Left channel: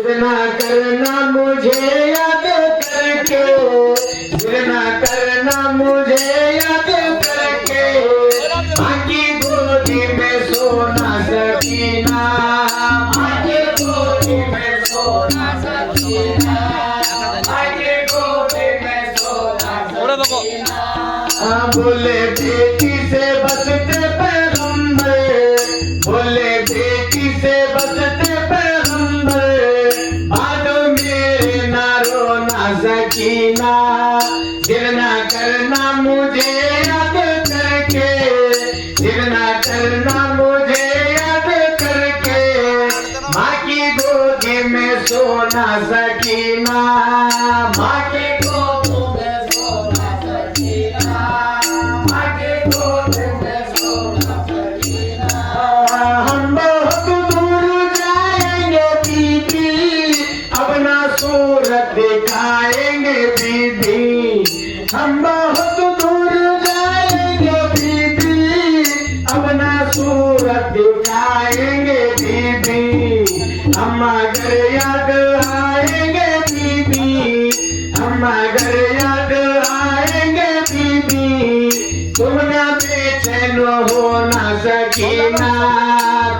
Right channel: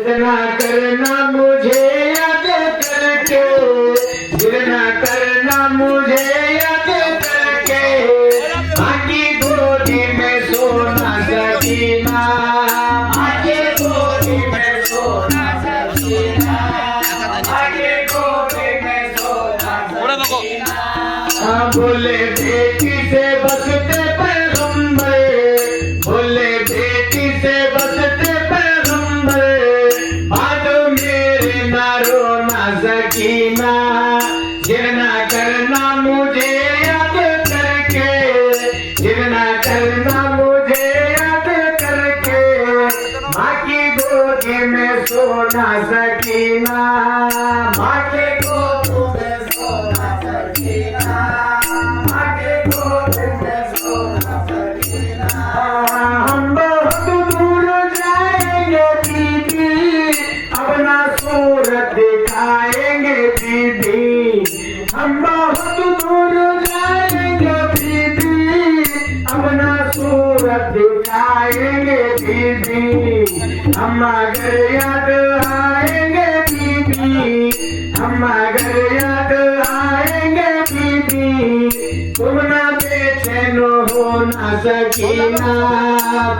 ना करना मुझे याद करके, ना करना मुझे याद करके, आकी गोदी में सोना सकीना, आकी गोदी में सोना सकीना, आकी गोदी में सोना सकीना। बोले बेटी से बसते पैगंबर, बोले बेटी से बसते पैगंबर, सकीना जिरना करना मुझे याद करके, जिरना करना मुझे याद करके, माँ की गोदी में सोना सकीना, माँ की गोदी में सोना सकीना, माँ की गोदी में सोना सकीना। हम बहुत दूर जाएंगे दीदी, अपना सूरत दिखाएंगे दीदी, हम बहुत दूर जाएंगे दीदी, अपना सूरत दिखाएंगे दीदी, हम अगर याद आएंगे दीदी, हम अगर याद आएंगे दीदी, तुम ना बेचैन हो ना सकीना,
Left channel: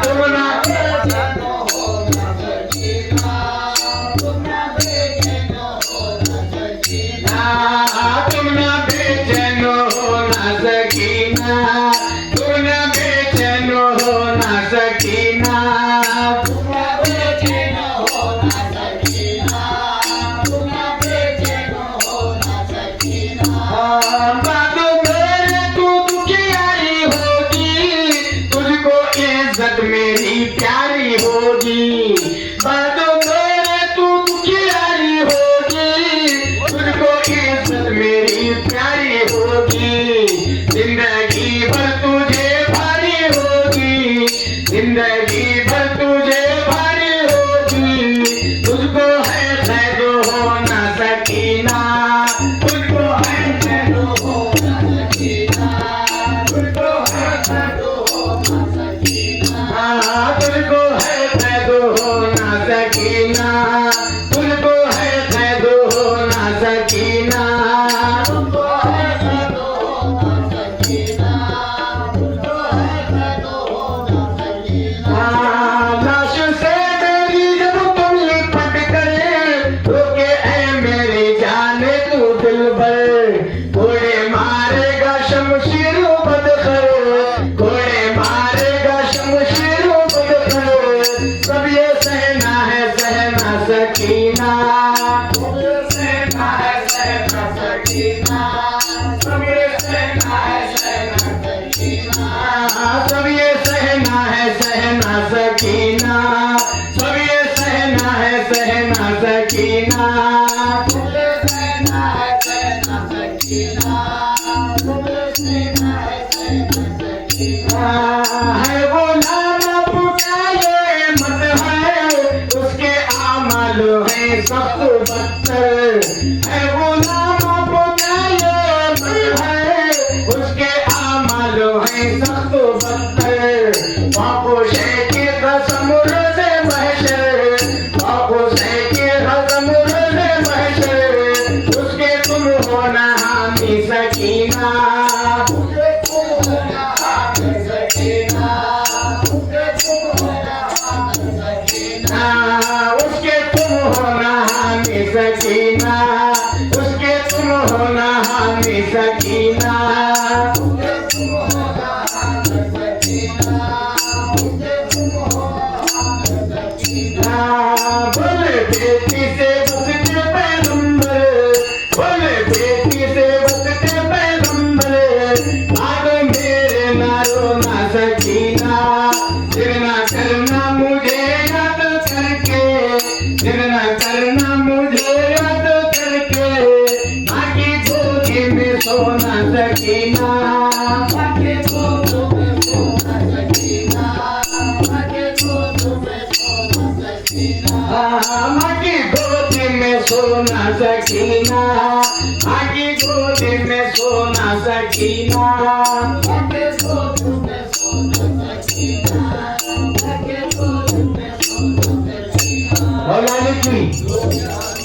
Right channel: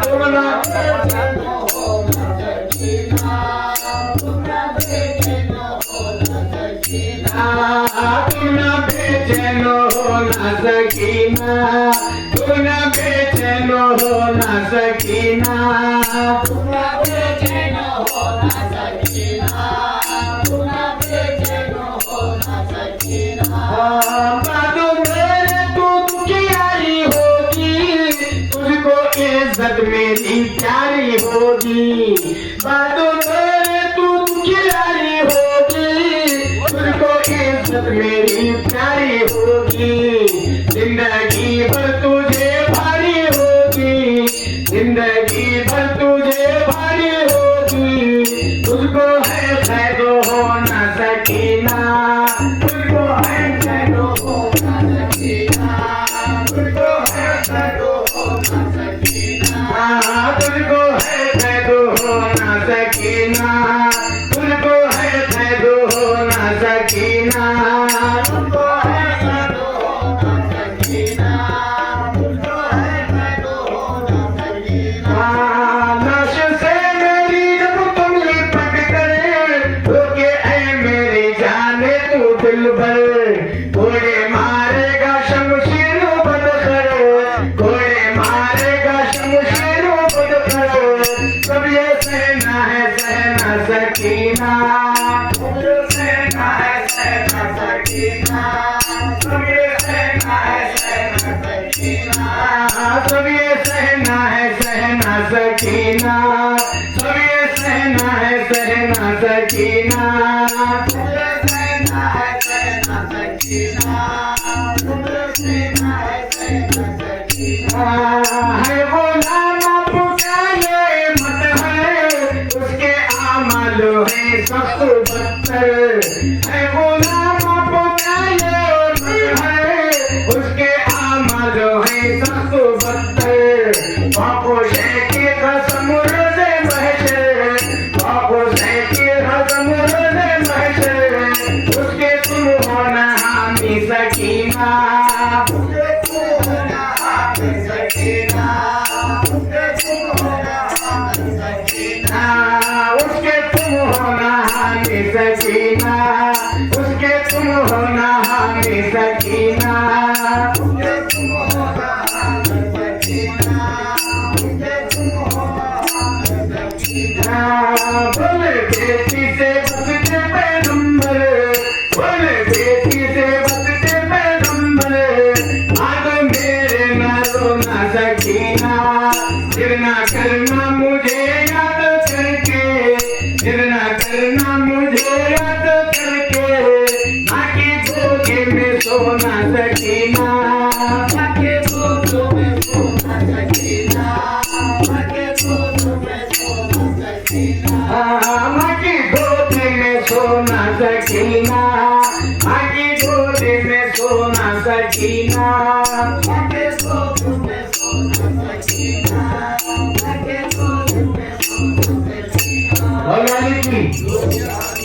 तुम ना बेचैन हो ना सकीना, तुम ना बेचैन हो ना सकीना, तुम ना बेचैन हो ना सकीना, तुम ना बेचैन हो ना सकीना, तुम ना बेचैन हो ना सकीना, तुम ना बेचैन हो ना सकीना। बात मेरे तू दुखियारी होगी, तुझको इज्जत मेरी प्यारी होगी, बात मेरे तू दुखियारी होगी, तुझको इज्जत मेरी प्यारी होगी, जिंदगी भर तुझे भारी होगी, जिंदगी भर तुझे भारी होगी, तुझको है कैद होना सकीना, तुझको है कैद होना सकीना, तुझको है कैद होना सकीना, तुझको है कैद होना सकीना, तुझको है कैद होना सकीना, तुझको है कैद होना सकीना, तुझको है कैद होना सकीना। लाश से मेरी जब तुम लिपट गए, रोके ऐ मेरी जाने तू दिलबर, घोड़े मारेगा शमशीर बदकर, घोड़े मारेगा शमशीर बदकर, सब ये सहना है सहना सकीना, सब ये सहना है सहना सकीना, सब ये सहना है सहना सकीना, सब ये सहना है सहना सकीना, सब ये सहना है सहना सकीना, सब ये सहना है सहना सकीना, सब ये सहना है सहना सकीना। है वो नाम आपका ये मत है, उसके आमल है सब बदतर, है वो नाम आपका ये मत है, उसके आमल है सब बदतर, बापू से के कसम से महशर, बापू से के कसम से महशर, उसके तुम होना हामी सकीना, उसके तुम होना हामी सकीना, उसके तुम होना हामी सकीना, उसके तुम होना हामी सकीना, उसके तुम होना हामी सकीना, उसके तुम होना हामी सकीना, उसके तुम होना हामी सकीना। बोले बेटी से बसते पैगंबर, बोले बेटी से बसते पैगंबर, आग मेरे ना रोना सकीना, जिरना करना मुझे याद करके, जिरना करना मुझे याद करके, आकी गोदी में सोना सकीना, आकी गोदी में सोना सकीना, आकी गोदी में सोना सकीना, आकी गोदी में सोना सकीना, आकी गोदी में सोना सकीना, आकी गोदी में सोना सकीना, आकी गोदी में सोना सकीना। मौलानी की